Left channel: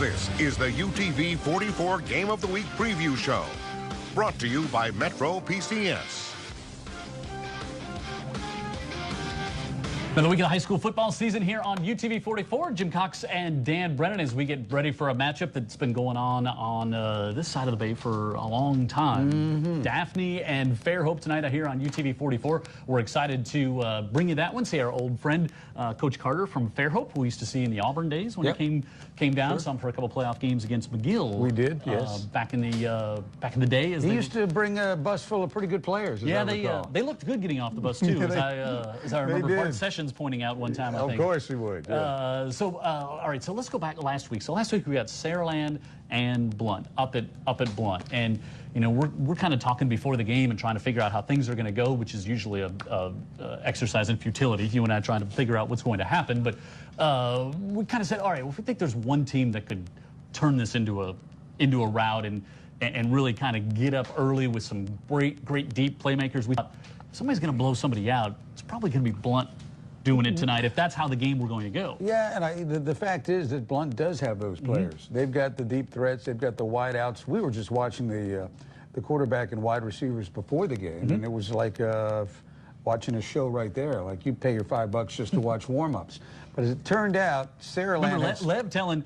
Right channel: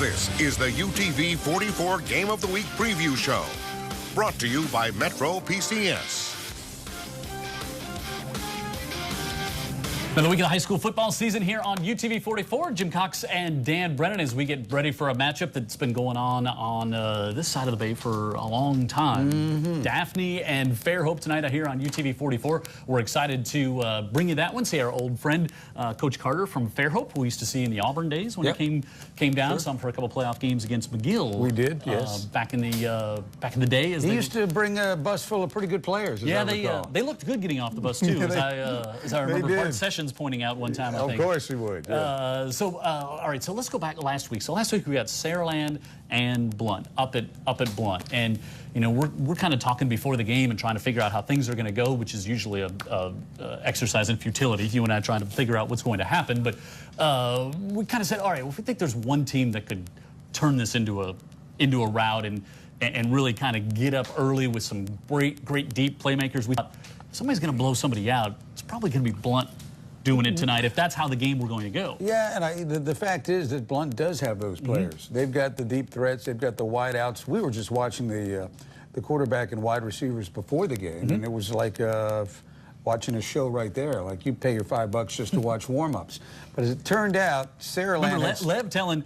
This is the UTV 44 Game of the Week Preview Show, brought to you by Metro PCS. Another week of the high school football season here on UTV 44. Jim Cox and Dan Brennan as we get ready for a matchup that's been going on this side of the bay for a long time. Daphne and Fairhope tonight here on UTV 44. We're excited to bring you that one. See our old friend, Coach Carter from Fairhope, who we used to see in the Auburn days when he came down. Saw him for a couple playoff games against McGill. We did, yes. Back in the day. He used to bring a bus full of pretty good players. Yeah, they looked good getting off the bus too, as I remember Bart Sessions pointing out one time, I think. Of course he would. Yeah. All right, so let's go back to last week. So last week we got Saraland and Blunt up at Blunt, and you know we're kind of talking before the game and trying to figure out how things are going to go, which is usually a exercise in futility. You and I trying to figure out what's going to happen, but we kind of said, all right, well, if we think there's one team that could turn this into a rout and really kind of get up early with some great deep playmakers, we thought somebody's going to blow somebody out. It's probably going to be Blunt doing it tonight, if that's how the game we're going to go. Yeah, and the fact is that Blunt does have those players. They've got the deep threats. They've got the wide outs. We were just watching the quarterback and wide receivers before the game, and it was like watching a show right there. Like you pay your $5 just to watch warm-ups. But as it turned out, Saraland... Remember Lev telling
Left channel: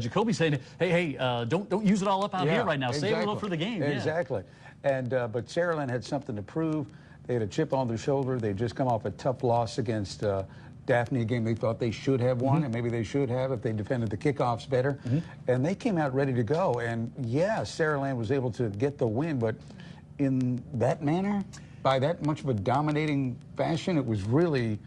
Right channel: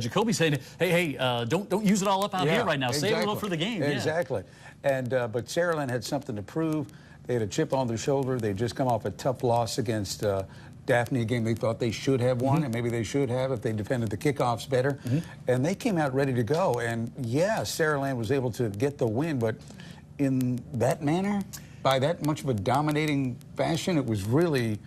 Jacoby, saying, hey, don't use it all up out here right now. Save a little for the game. Exactly. And but Saraland had something to prove. They had a chip on their shoulder. They'd just come off a tough loss against Daphne, a game they thought they should have won, and maybe they should have if they defended the kickoffs better. And they came out ready to go. And yeah, Saraland was able to get the win, but in that manner, by that much of a dominating fashion, it was really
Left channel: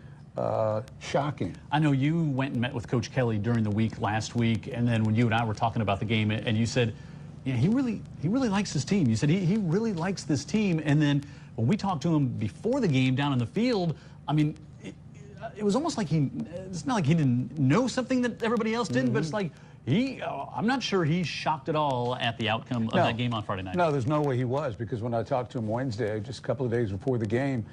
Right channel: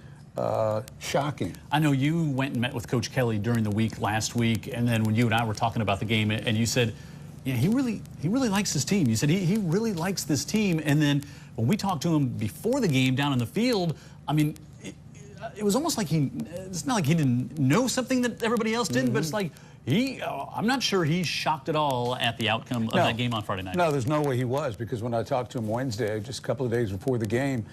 shocking. I know you went and met with Coach Kelly during the week last week, and then when you and I were talking about the game, and you said, yeah, he really likes his team. You said he really likes this team, and then when we talked to him before the game down in the field, I mean, it was almost like it's not like he didn't know something that everybody else didn't, but it's like I'm not sure he's shocked at all at the outcome of that game on Friday night. No, there's no way he was, because when I talked to him Wednesday, just a couple of days before the game,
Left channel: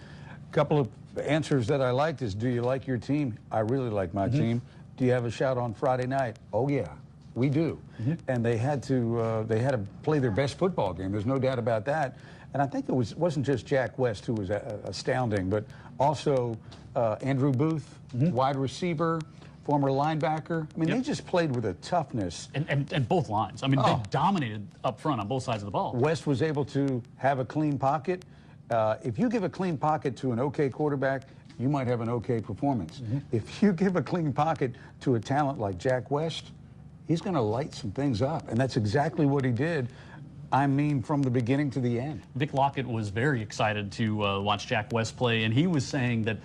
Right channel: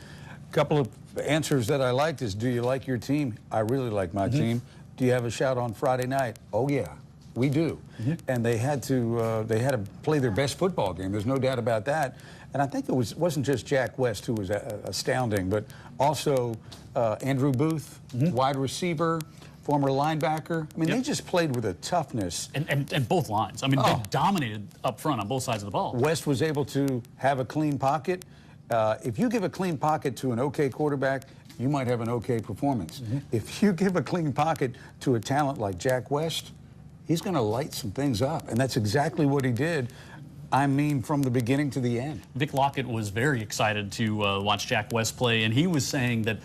a couple of answers that I liked is, do you like your team? I really like my team. Do you have a shot on Friday night? Oh, yeah. We do, and they had to play their best football game. There's no doubt about that. And I think it wasn't just Jack West who was astounding, but also Andrew Booth, wide receiver, former linebacker. I mean, they just played with a toughness. And both lines. I mean, they dominated up front on both sides of the ball. West was able to have a clean pocket. If you give a clean pocket to an okay quarterback, you might have an okay performance. If you give a clean pocket to a talent like Jack West, he's going to light some things up, and that's exactly what he did. I mean, from the beginning to the end. Vic Lockett was very excited to watch Jack West play, and he was saying that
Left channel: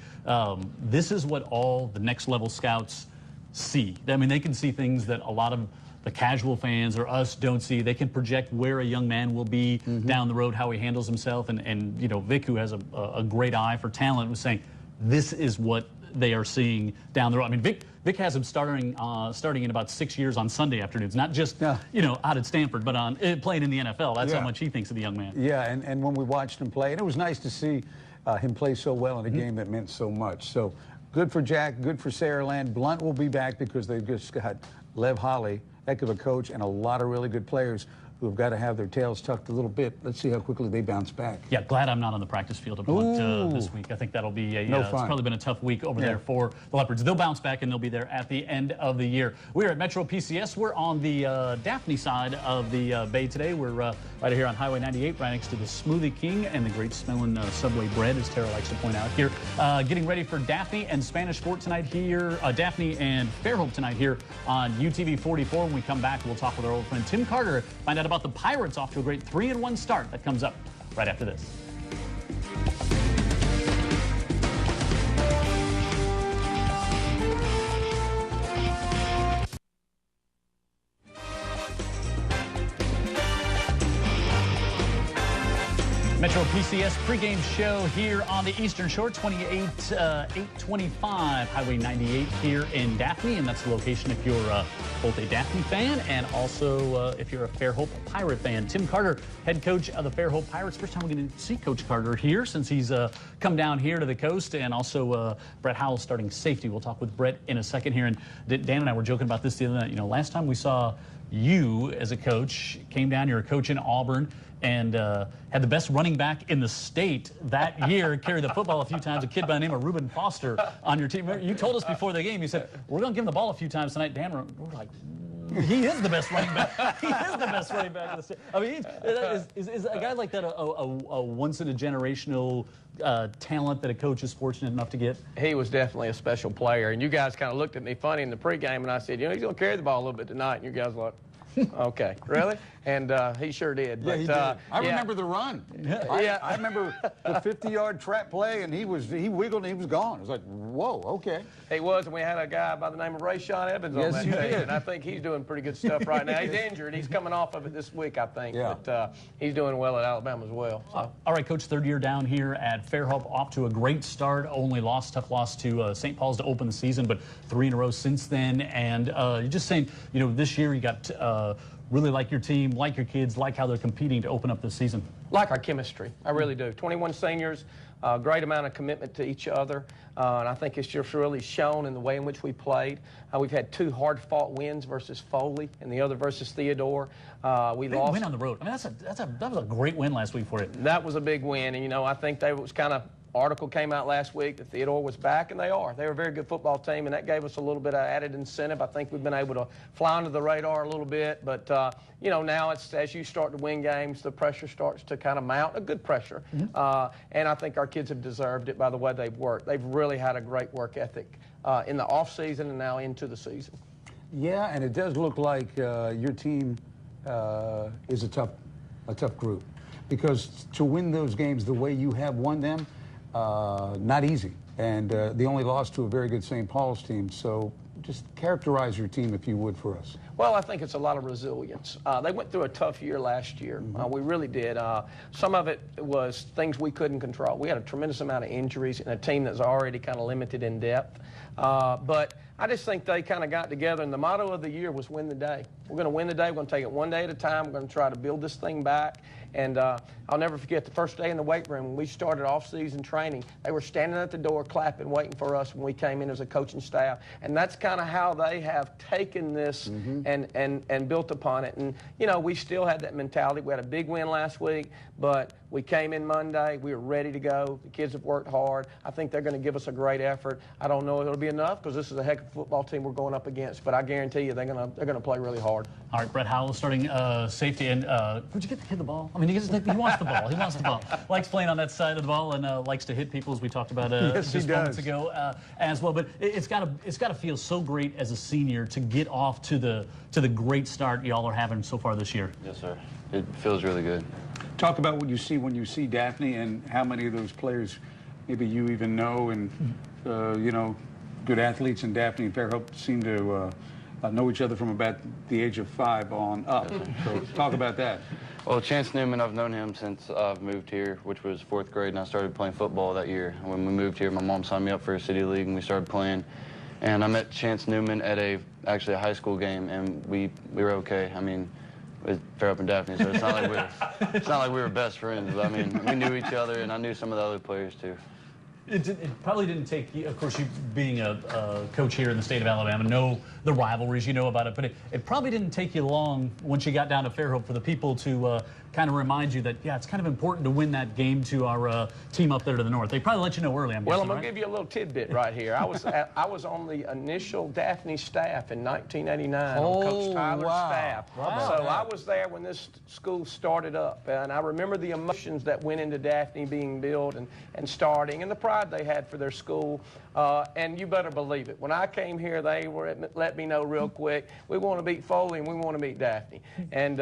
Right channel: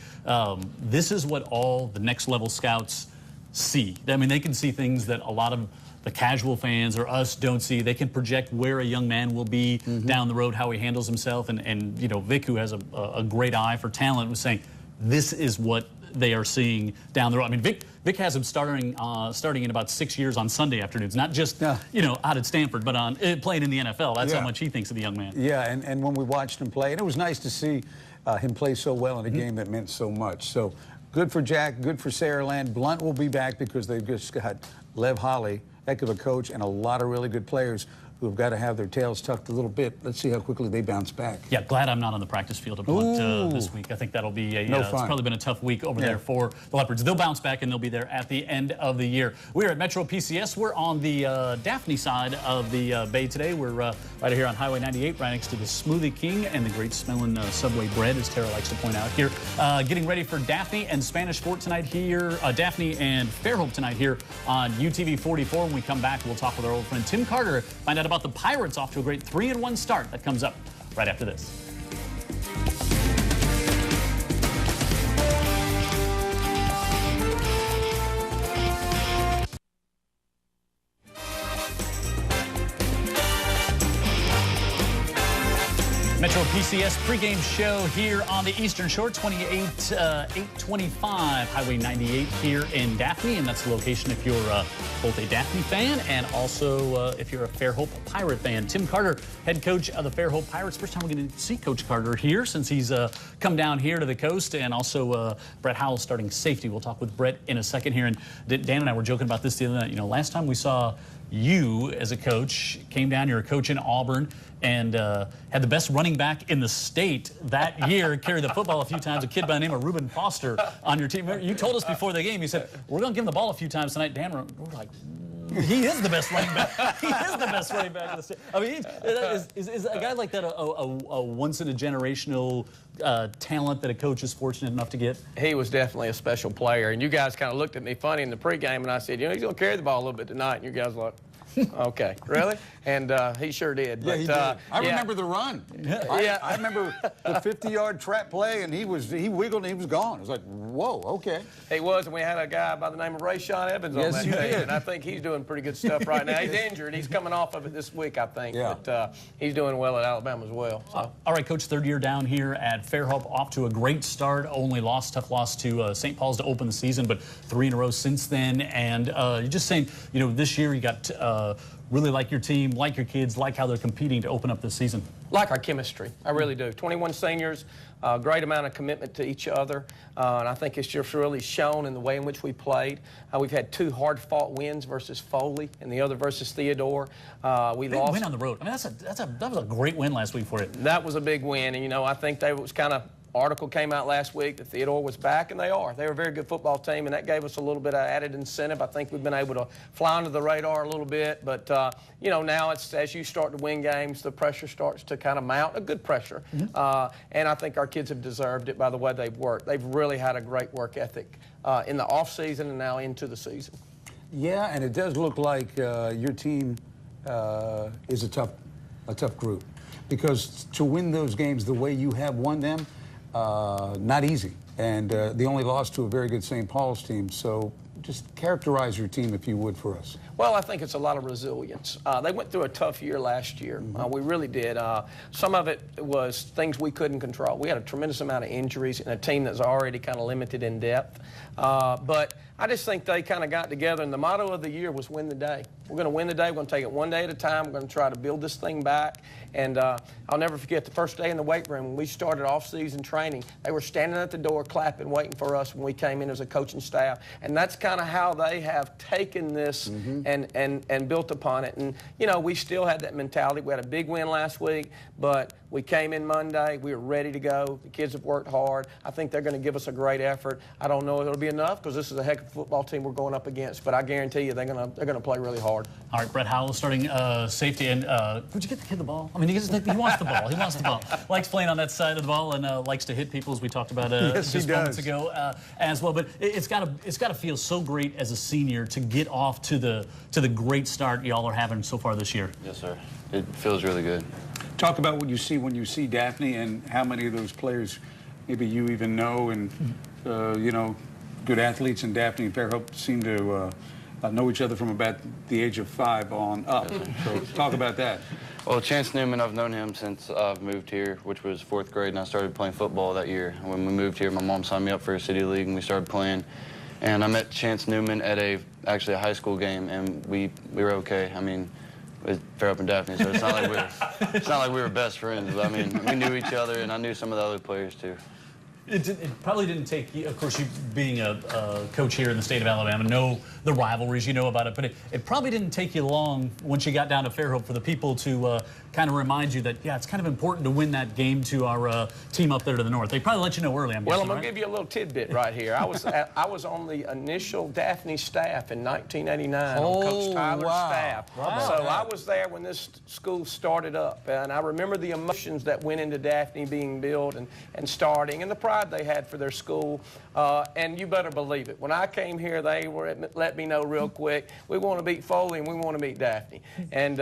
this is what all the next level scouts see. I mean, they can see things that a lot of the casual fans or us don't see. They can project where a young man will be down the road, how he handles himself, and you know, Vic, who has a great eye for talent, was saying this is what they are seeing down the road. I mean, Vic has him starting in about 6 years on Sunday afternoons, not just you know, out at Stanford, but on playing in the NFL. That's how much he thinks of the young man. Yeah, and when we watched him play, and it was nice to see him play so well in a game that meant so much. So good for Jack, good for Saraland. Blunt will be back because they've just got Lev Holly, heck of a coach, and a lot of really good players who have got to have their tails tucked a little bit. Let's see how quickly they bounce back. Yeah, glad I'm not on the practice field at Blunt this week. I think that'll be it's probably been a tough week over there for the Leopards. They'll bounce back, and they'll be there at the end of the year. We're at Metro PCS. We're on the Daphne side of the bay today. We're right here on Highway 98, right next to the Smoothie King and the great smelling Subway bread, as Tara likes to point out here. Getting ready for Daphne and Spanish Fort tonight here. Daphne and Fairhope tonight here on UTV 44. When we come back, we'll talk with our old friend Tim Carter, find out about the Pirates off to a great 3-1 start. That comes up right after this. Metro PCS pregame show here on the Eastern Shore, 825 Highway 98 here in Daphne, and that's the location if you're both a Daphne fan and also if you're a Fairhope Pirate fan. Tim Carter, head coach of the Fairhope Pirates. First time we're going to see Coach Carter here since he's come down here to the coast, and also Brett Howell starting safety. We'll talk with Brett in a second here, and Dan and I were joking about this the other night. You know, last time we saw you as a coach, came down, you're a coach in Auburn, and had the best running back in the state that year, carried the football a few times, a kid by the name of Reuben Foster on your team. You told us before the game, you said, we're going to give him the ball a few times tonight. Dan, we're like, he is the best running back. He is the best running back in the state. I mean, is a guy like that a once-in-a-generational talent that a coach is fortunate enough to get? He was definitely a special player. And you guys kind of looked at me funny in the pregame, and I said, you know, he's going to carry the ball a little bit tonight. And you guys were like, okay, really? And he sure did. Yeah, he did. I remember the run. Yeah. I remember the 50-yard trap play, and he wiggled and he was gone. It was like, whoa, okay. He was, and we had a guy by the name of Rayshawn Evans on that team, and I think he's doing pretty good stuff right now. He's injured. He's coming off of it this week, I think. Yeah. But he's doing well at Alabama as well. So. All right, Coach, third year down here at Fairhope, off to a great start. Only tough loss to St. Paul's to open the season, but 3 in a row since then. And you're just saying, you know, this year you got really like your team, like your kids, like how they're competing to open up this season. Like our chemistry, I really do. 21 seniors, great amount of commitment to each other, and I think it's just really shown in the way in which we played. We've had 2 hard-fought wins versus Foley, and the other versus Theodore. We Big lost. win on the road. I mean, that was a great win last week for you. That was a big win, and you know, I think they was kind of. Article came out last week that Theodore was back, and they are. They were a very good football team, and that gave us a little bit of added incentive. I think we've been able to fly under the radar a little bit, but you know, now it's as you start to win games, the pressure starts to kind of mount, a good pressure. And I think our kids have deserved it by the way they've worked. They've really had a great work ethic in the off season and now into the season. Yeah, and it does look like your team is a tough group, because to win those games the way you have won them, not easy, and the only loss to a very good St. Paul's team. So just characterize your team, if you would, for us. Well, I think it's a lot of resilience. They went through a tough year last year. We really did. Some of it was things we couldn't control. We had a tremendous amount of injuries and a team that's already kind of limited in depth. But I just think they kind of got together, and the motto of the year was win the day. We're going to win the day. We're going to take it one day at a time. We're going to try to build this thing back. And I'll never forget the first day in the weight room when we started off-season training. They were standing at the door clapping, waiting for us when we came in as a coaching staff. And that's kind of how they have taken this and built upon it. And, you know, we still had that mentality. We had a big win last week, but we came in Monday. We were ready to go. The kids have worked hard. I think they're going to give us a great effort. I don't know if it'll be enough because this is a heck of a football team we're going up against, but I guarantee you they're going to play really hard. All right, Brett Howell starting safety. And would you get the kid the ball? I mean, he wants the ball. He wants the ball. Likes playing on that side of the ball and likes to hit people, as we talked about just moments ago as well. But it's got to feel so great as a senior to get off to the great start y'all are having so far this year. Yes, sir. It feels really good. Talk about what you see when you see Daphne, and how many of those players maybe you even know, and you know, good athletes in Daphne and Fairhope seem to know each other from about the age of 5 on up. So talk about that. Well, Chance Newman, I've known him since I've moved here, which was 4th grade, and I started playing football that year. When we moved here, my mom signed me up for a city league, and we started playing. And I met Chance Newman at actually a high school game, and we were okay. I mean, it's Fairhope and Daphne, so it's not like we were best friends. But I mean, we knew each other, and I knew some of the other players too. It probably didn't take you, of course, you being a coach here in the state of Alabama, know the rivalries, you know about it, but it probably didn't take you long once you got down to Fairhope for the people to kind of remind you that, yeah, it's kind of important to win that game to our team up there to the north. They probably let you know early, I'm guessing, I'm going to give you a little tidbit right here. I was on the initial Daphne staff in 1989 on Coach Tyler's staff. So I was there when this school started up, and I remember the emotions that went into Daphne being built and starting, and the pride they had for their school. And you better believe it. When I came here, they let me know real quick, we want to beat Foley and we want to beat Daphne. And,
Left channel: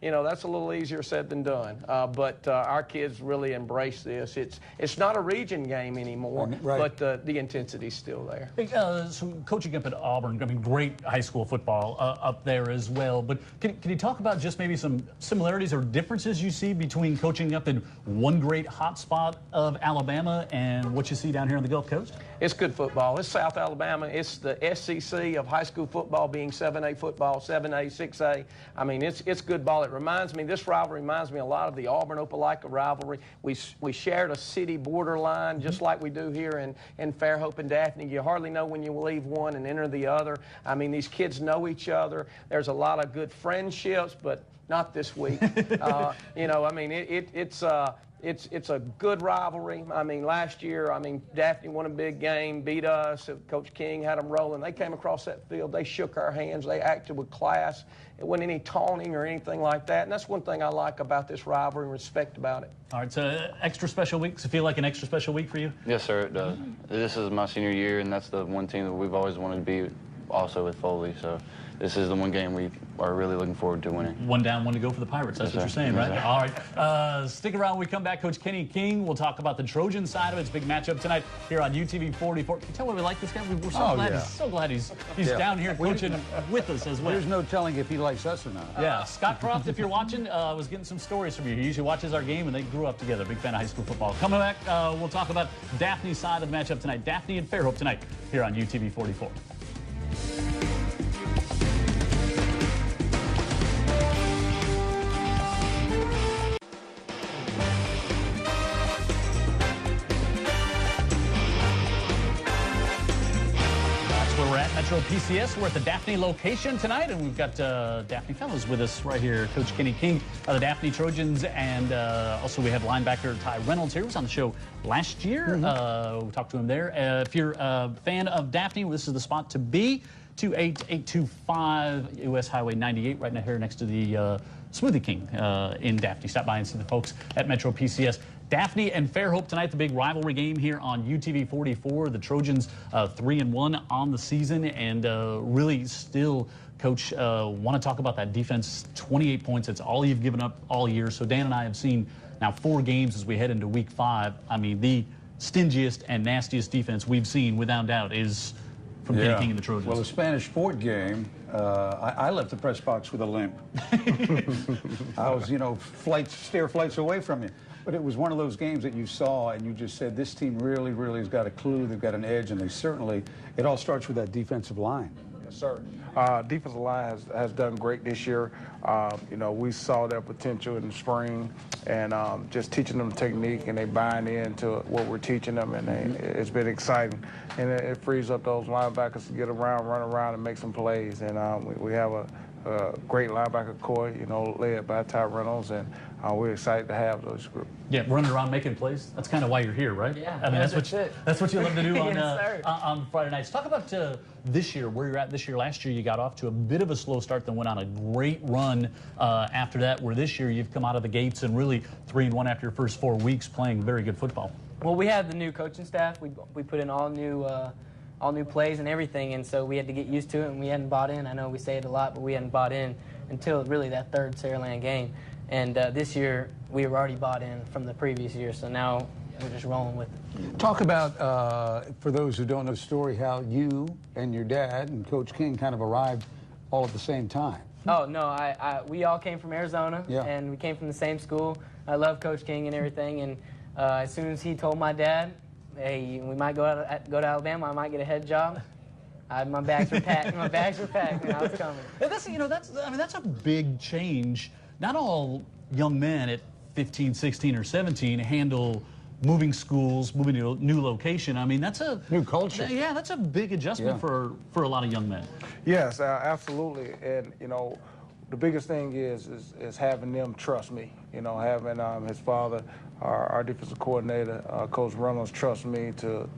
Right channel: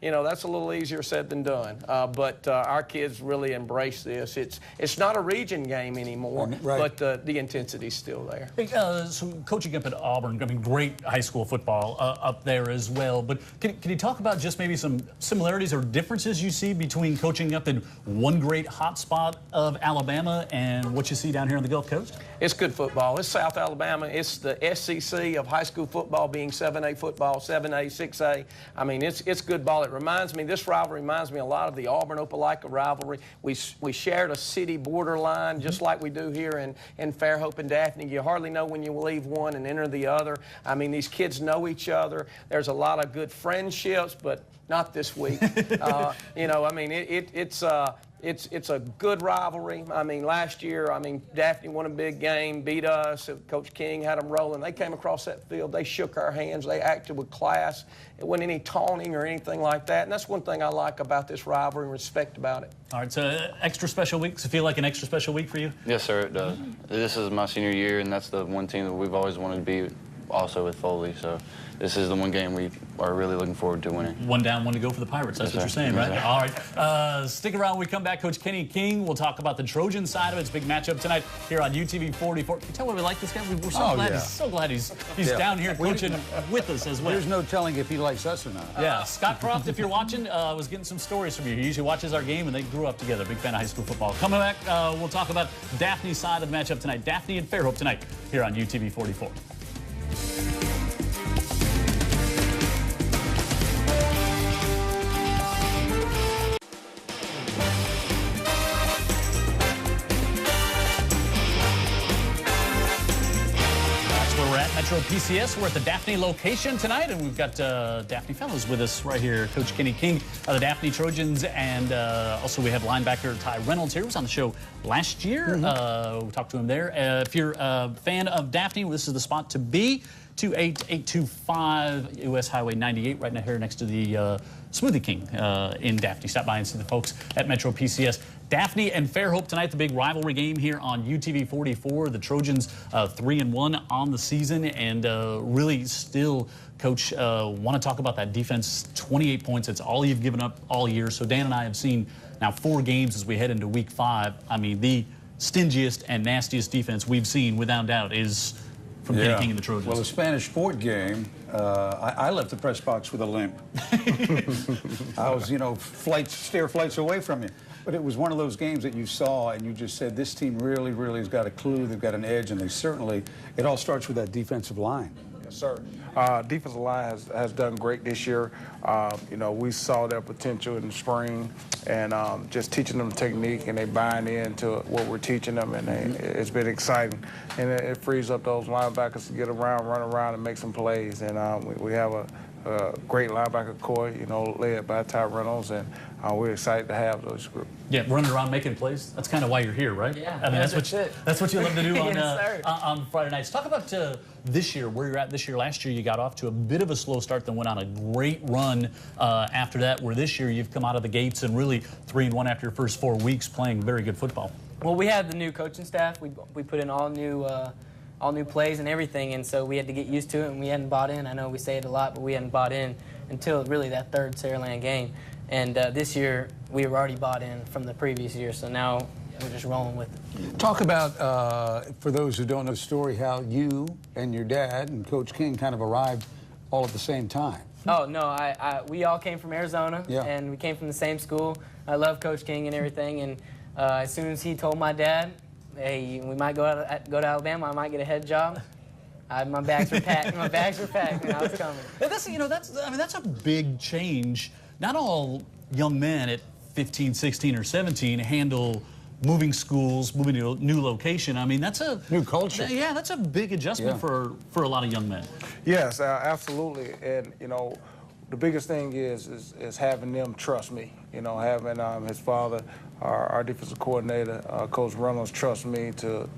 you know, that's a little easier said than done. But our kids really embrace this. It's not a region game anymore, but the intensity's still there. Hey, so coaching up at Auburn, I mean, great high school football up there as well. But can you talk about just maybe some similarities or differences you see between coaching up in one great hot spot of Alabama and what you see down here on the Gulf Coast? It's good football. It's South Alabama. It's the SEC of high school football, being 7A football, 7A, 6A. I mean, it's good ball. It reminds me, this rivalry reminds me a lot of the Auburn-Opelika rivalry. We shared a city borderline just like we do here in Fairhope and Daphne. You hardly know when you leave one and enter the other. I mean, these kids know each other. There's a lot of good friendships, but not this week. You know, I mean, it's a good rivalry. I mean, last year, I mean, Daphne won a big game, beat us. Coach King had them rolling. They came across that field. They shook our hands. They acted with class. It wasn't any taunting or anything like that. And that's one thing I like about this rivalry and respect about it. All right, so extra special week. Does it feel like an extra special week for you? Yes, sir, it does. This is my senior year, and that's the one team that we've always wanted to be also with Foley. So this is the one game we are really looking forward to winning. One down, one to go for the Pirates. That's what you're saying, right? All right. Stick around when we come back. Coach Kenny King, we'll talk about the Trojan side of it. It's a big matchup tonight here on UTV 44. Can you tell why we like this guy? We're so glad. So glad he's down here coaching with us as well. There's no telling if he likes us or not. Yeah. Scott Croft, if you're watching, was getting some stories from you. He usually watches our game, and they grew up together. Big fan of high school football. Coming back, we'll talk about Daphne's side of the matchup tonight. Daphne and Fairhope tonight here on UTV 44. Metro PCS. We're at the Daphne location tonight, and we've got Daphne fellows with us right here. Coach Kenny King of the Daphne Trojans, and also we have linebacker Ty Reynolds here, who was on the show last year. We talked to him there. If you're a fan of Daphne, this is the spot to be. 28825 US Highway 98, right now here next to the Smoothie King in Daphne. Stop by and see the folks at Metro PCS. Daphne and Fairhope tonight, the big rivalry game here on UTV 44. The Trojans 3-1 on the season, and really still, Coach, want to talk about that defense. 28 points, it's all you've given up all year. So Dan and I have seen now 4 games as we head into week 5. I mean, the stingiest and nastiest defense we've seen, without doubt, is from Kenny King and the Trojans. Well, the Spanish Fort game, I left the press box with a limp. I was, you know, stair flights away from you. But it was one of those games that you saw and you just said, this team really, really has got a clue. They've got an edge, and they certainly, it all starts with that defensive line. Yes, sir. Defensive line has done great this year. You know, we saw their potential in the spring, and just teaching them technique, and they buying into what we're teaching them, and it's been exciting. And it frees up those linebackers to get around, run around, and make some plays. And we have a great linebacker core, you know, led by Ty Reynolds, and we're excited to have those groups. Yeah, running around making plays. That's kind of why you're here, right? Yeah, I mean, that's what you love to do on, Yes, on Friday nights. Talk about this year, where you're at this year. Last year, you got off to a bit of a slow start, then went on a great run after that, where this year you've come out of the gates and really 3-1 after your first 4 weeks playing very good football. Well, we had the new coaching staff. We put in all new plays and everything, and so we had to get used to it, and we hadn't bought in. I know we say it a lot, but we hadn't bought in until really that third Saraland game. And this year, we were already bought in from the previous year, so now we're just rolling with it. Talk about, for those who don't know the story, how you and your dad and Coach King kind of arrived all at the same time. Oh, no, we all came from Arizona, and we came from the same school. I love Coach King and everything, and as soon as he told my dad, hey, we might go to Alabama, I might get a head job, my bags were packed. My bags were packed, and I was coming. That's a big change. Not all young men at 15, 16, or 17 handle moving schools, moving to a new location. I mean, that's a new culture. Yeah, that's a big adjustment for a lot of young men. Yes, absolutely. And you know, the biggest thing is having them trust me. You know, having his father, our defensive coordinator, Coach Reynolds, trust me to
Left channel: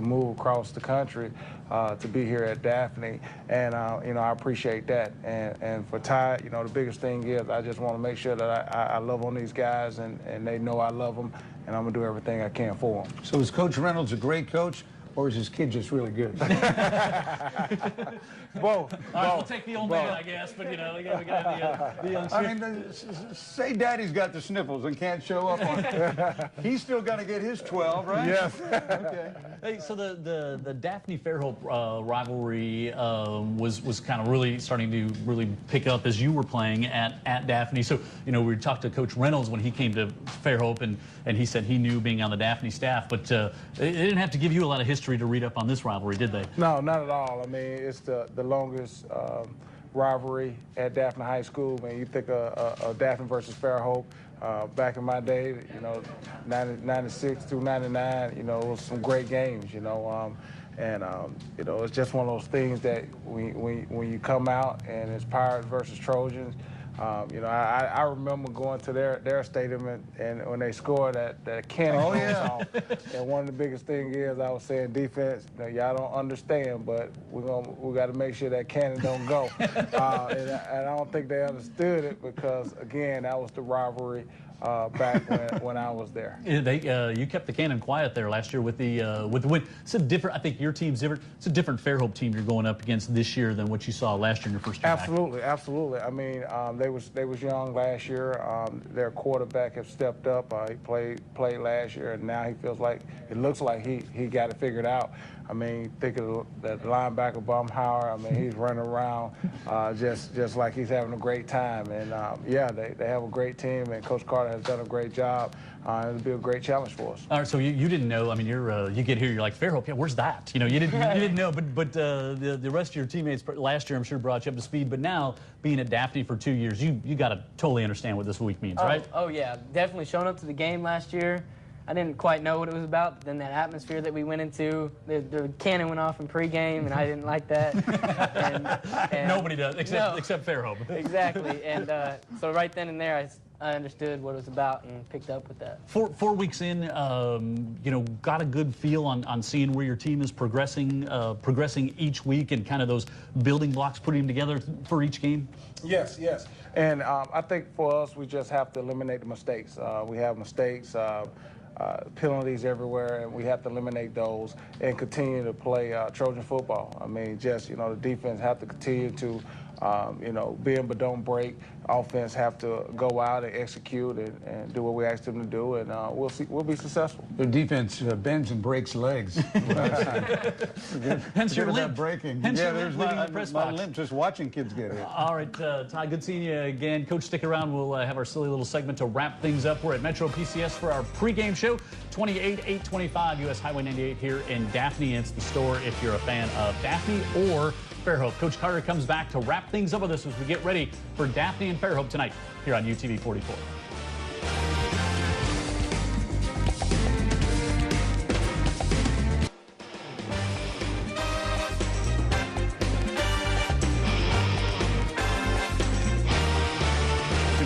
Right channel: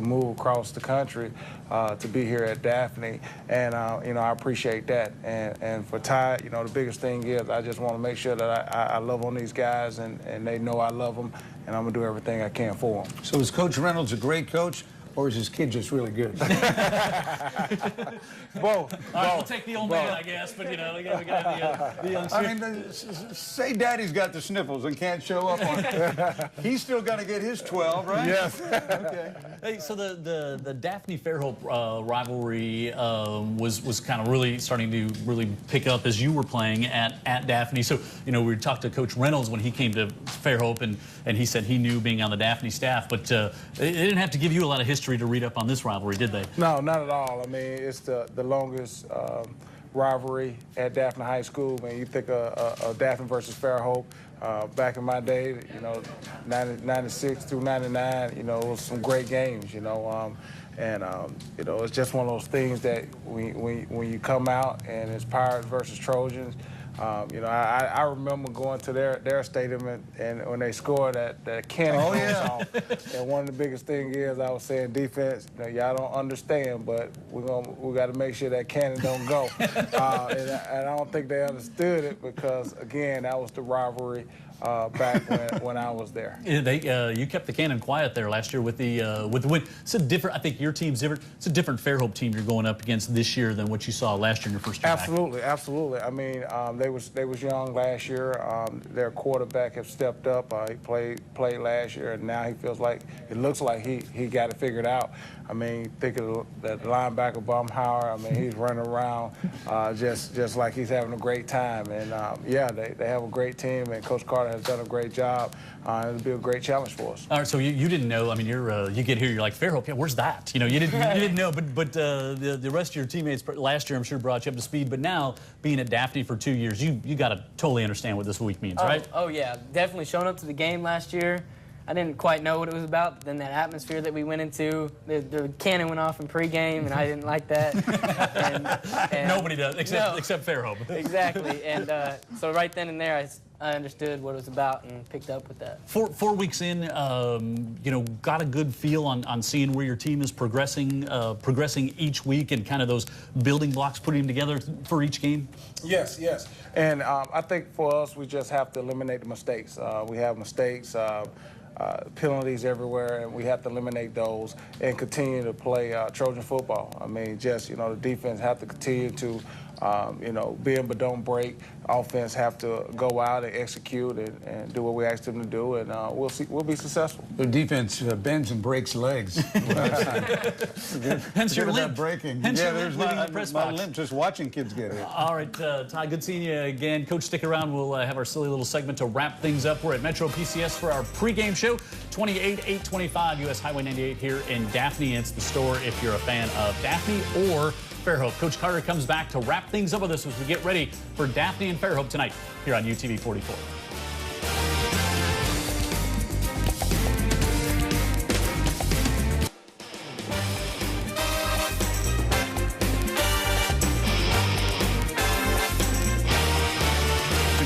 move across the country to be here at Daphne, and you know, I appreciate that. And for Ty, you know, the biggest thing is I just want to make sure that I love on these guys, and they know I love them, and I'm gonna do everything I can for them. So is Coach Reynolds a great coach, or is his kid just really good? Both. All right, we'll take the old man, I guess, but you know, we got the youngster. I mean, say Daddy's got the sniffles and can't show up on. He's still got to get his 12, right? Yes. Okay. Hey, so the Daphne Fairhope rivalry was kind of really starting to really pick up as you were playing at Daphne. So you know, we talked to Coach Reynolds when he came to Fairhope, and he said he knew being on the Daphne staff, but they didn't have to give you a lot of history to read up on this rivalry, did they? No, not at all. I mean, it's the longest rivalry at Daphne High School. I mean, you think of Daphne versus Fairhope. Back in my day, you know, 96 through 99, you know, it was some great games, you know. You know, it's just one of those things that when you come out and it's Pirates versus Trojans, you know, I remember going to their stadium and when they scored that cannon goes off. And one of the biggest things is I was saying defense, you know, y'all don't understand, but we got to make sure that cannon don't go. And I don't think they understood it because again, that was the rivalry back when I was there. You kept the cannon quiet there last year with the win. It's a different. I think your team's different. It's a different Fairhope team you're going up against this year than what you saw last year in your first year. Absolutely, back. absolutely. I mean, they was young last year. Their quarterback has stepped up. He played last year, and now it looks like he got it figured out. I mean, think of that linebacker Baumhauer. I mean, he's running around just like he's having a great time. And yeah, they have a great team, and Coach Carter has done a great job. It'll be a great challenge for us. All right, so you didn't know. I mean, you get here, you're like Fairhope. Yeah, where's that? You know, you didn't know. But the rest of your teammates last year, I'm sure, brought you up to speed. But now, being at Daphne for 2 years, you got to totally understand what this week means, right? Oh yeah, definitely showing up to the game last year. I didn't quite know what it was about. Then that atmosphere that we went into, the cannon went off in pregame, and I didn't like that. and Nobody does, except Fairhope. Exactly. And so right then and there, I understood what it was about and picked up with that. 4 weeks in, you know, got a good feel on seeing where your team is progressing each week and kind of those building blocks, putting them together for each game? Yes, yes. And I think for us, we just have to eliminate the mistakes. We have mistakes. Penalties everywhere, and we have to eliminate those and continue to play Trojan football. I mean, just, you know, the defense have to continue to, you know, bend but don't break. Offense have to go out and execute and do what we ask them to do, and we'll be successful. The defense bends and breaks legs. Hence your limp. Breaking. Hence yeah, your there's limp leaving the press box. limp just watching kids get hit. All right, Ty, good seeing you again. Coach, stick around. We'll have our silly little segment to wrap things up. We're at Metro PCS for our pregame show. 28-825 US Highway 98 here in Daphne. It's the store if you're a fan of Daphne or Fairhope. Coach Carter comes back to wrap things up with us as we get ready for Daphne and Fairhope tonight here on UTV 44.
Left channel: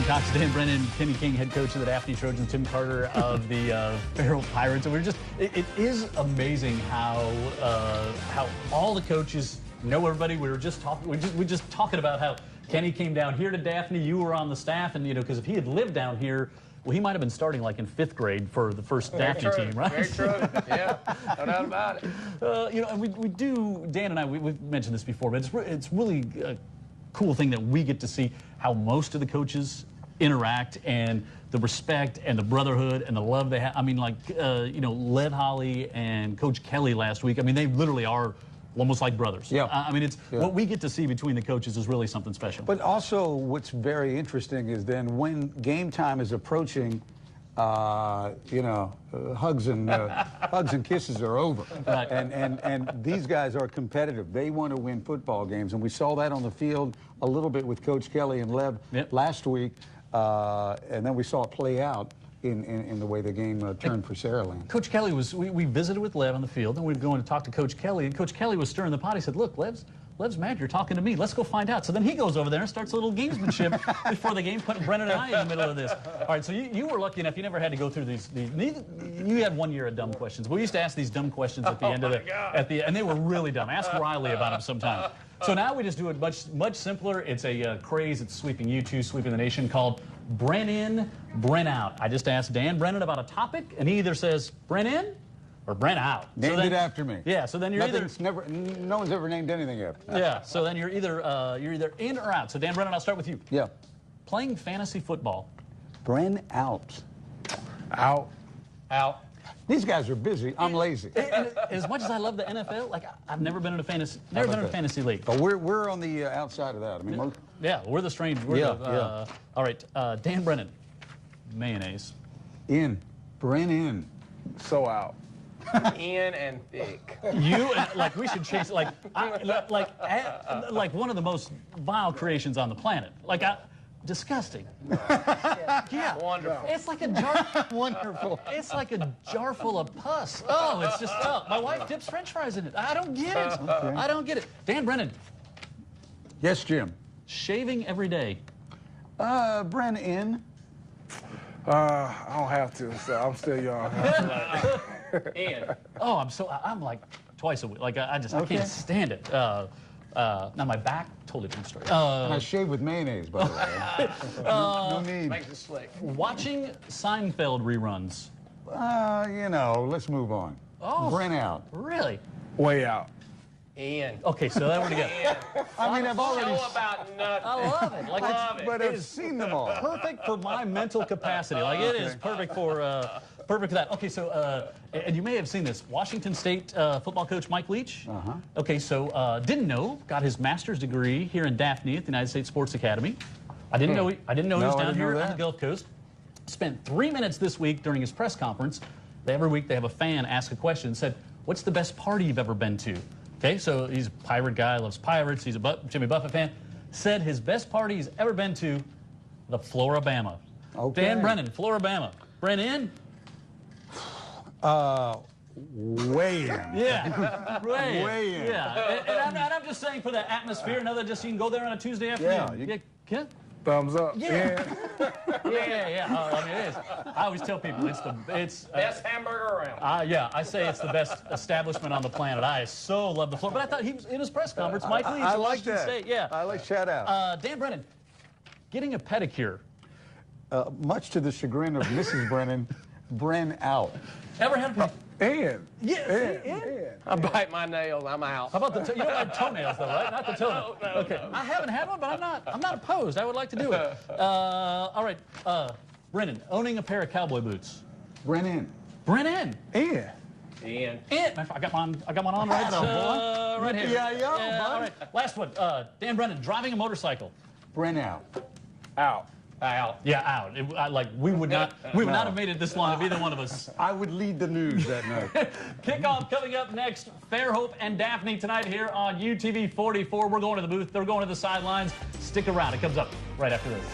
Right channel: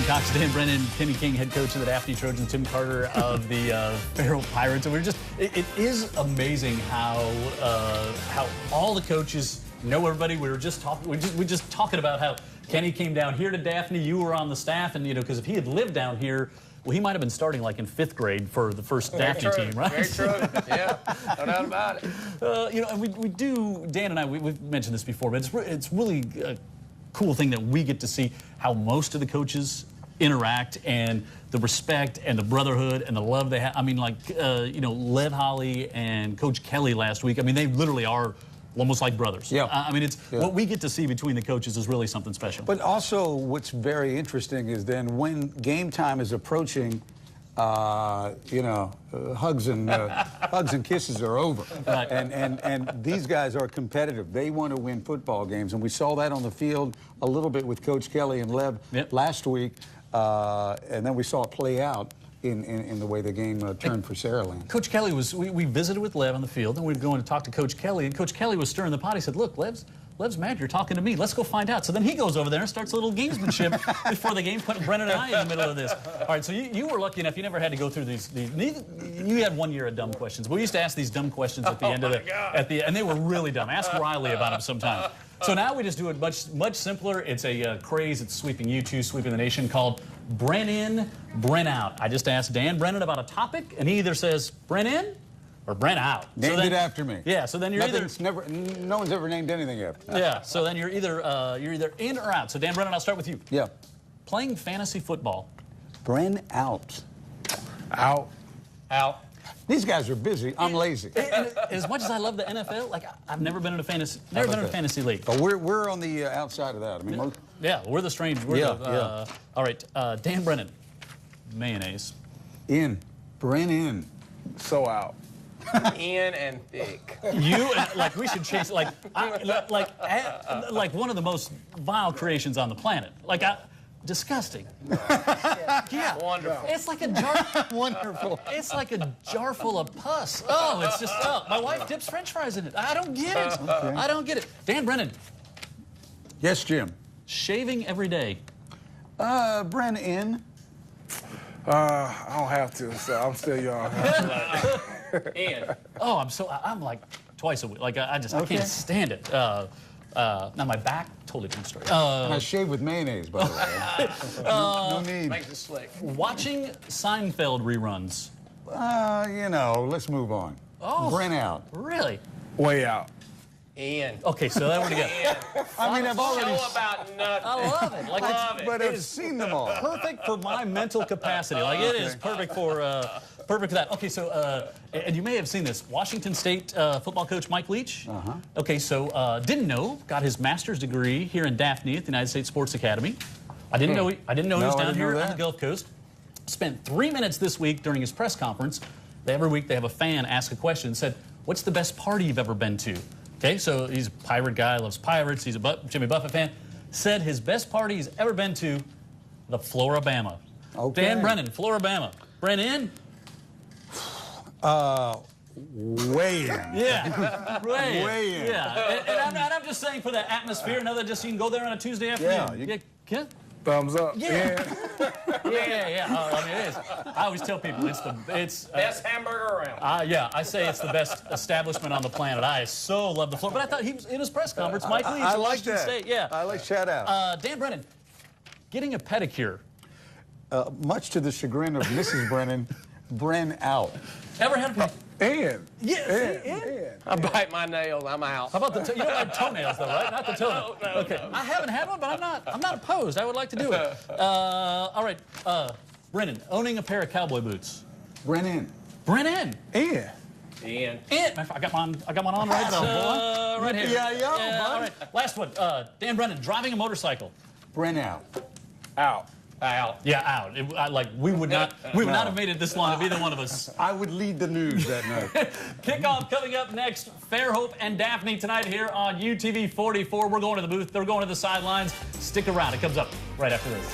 Cox, Dan Brennan, Kenny King, head coach of the Daphne Trojans, Tim Carter of the Fairhope Pirates. And it is amazing how all the coaches know everybody. We were just talking about how Kenny came down here to Daphne. You were on the staff, and you know, because if he had lived down here, well, he might have been starting like in 5th grade for the first Daphne team, right? Very true. Yeah, no doubt about it. You know, and we do. Dan and I, we've mentioned this before, but it's really a cool thing that we get to see how most of the coaches interact and the respect and the brotherhood and the love they have. I mean, like, you know, Lev Holly and Coach Kelly last week, I mean, they literally are almost like brothers. Yeah. I mean, what we get to see between the coaches is really something special. But also what's very interesting is then when game time is approaching, you know, hugs and kisses are over. Right. And these guys are competitive. They want to win football games. And we saw that on the field a little bit with Coach Kelly and Lev last week. And then we saw it play out in the way the game turned for Saraland. Coach Kelly we visited with Lev on the field, and we were going to talk to Coach Kelly, and Coach Kelly was stirring the pot. He said, look, Liv's mad you're talking to me. Let's go find out. So then he goes over there and starts a little gamesmanship before the game, putting Brennan and I in the middle of this. All right, so you were lucky enough. You never had to go through these you had 1 year of dumb questions. We used to ask these dumb questions at the end of and they were really dumb. Ask Riley about them sometime. So now we just do it much simpler. It's a craze that's sweeping YouTube, sweeping the nation, called Bren in, Bren out. I just asked Dan Brennan about a topic, and he either says Bren in or Bren out. Named it after me. Yeah, so then you're no one's ever named anything after me. Yeah, so then you're either in or out. So Dan Brennan, I'll start with you. Yeah. Playing fantasy football. Bren out. Out. Out. These guys are busy. I'm lazy. And as much as I love the NFL, like I've never been in a fantasy league. But we're on the outside of that. I mean, we're the strange. All right, Dan Brennan, mayonnaise. In. Bren in. So out. In and thick. You like we should chase like one of the most vile creations on the planet. Disgusting. Yeah. Wonderful. It's like a jar. Wonderful. It's like a jar full of pus. Oh, it's just. Oh, my wife dips French fries in it. I don't get it. Okay. I don't get it. Dan Brennan. Yes, Jim. Shaving every day. Bren in. I don't have to, so I'm still young. And oh, I'm like twice a week. Like I can't stand it. Now my back, totally different story. And I shave with mayonnaise, by the way. No need. Makes it slick. Watching Seinfeld reruns. Let's move on. Oh, Bren out. Really? Way out. In. Okay, so that we're together. I mean, I've already. Show about nothing. I love it. Like But I've seen them all. perfect for my mental capacity. Like it is perfect for that. Okay, so and you may have seen this. Washington State football coach Mike Leach. Okay, so didn't know, got his master's degree here in Daphne at the United States Sports Academy. I didn't know he was down here on the Gulf Coast. Spent 3 minutes this week during his press conference. Every week they have a fan ask a question. Said, "What's the best party you've ever been to?" Okay, so he's a pirate guy, loves pirates. He's a Jimmy Buffett fan. Said his best party he's ever been to, the Floribama. Okay. Dan Brennan, Floribama. Bren in? Way in. Yeah. Way in. Yeah. And I'm just saying for the atmosphere, another just you can go there on a Tuesday afternoon. Yeah. Thumbs up. Yeah. Yeah. Oh, I mean, it is. I always tell people it's best hamburger around. Yeah, I say it's the best establishment on the planet. I so love the floor. But I thought he was in his press conference. Mike Leach. I like Washington that. State. Yeah. I like shout out. Dan Brennan, getting a pedicure. Much to the chagrin of Mrs. Brennan, Bren out. Ever had a pedicure? And. Yeah. I bite my nails. I'm out. How about you don't like toenails though, right? Not the toenail. No. Okay. I haven't had one, but I'm not opposed. I would like to do it. All right. Brennan, owning a pair of cowboy boots. Bren Brennan. And. In. I got one on right here. Yeah, all right. Last one. Dan Brennan, driving a motorcycle. Bren out. Out. Out. Yeah, out. We would not have made it this long if either one of us. I would lead the news that night. Kickoff coming up next. Fairhope and Daphne tonight here on UTV 44. We're going to the booth. They're going to the sidelines. Stick around. It comes up right after this.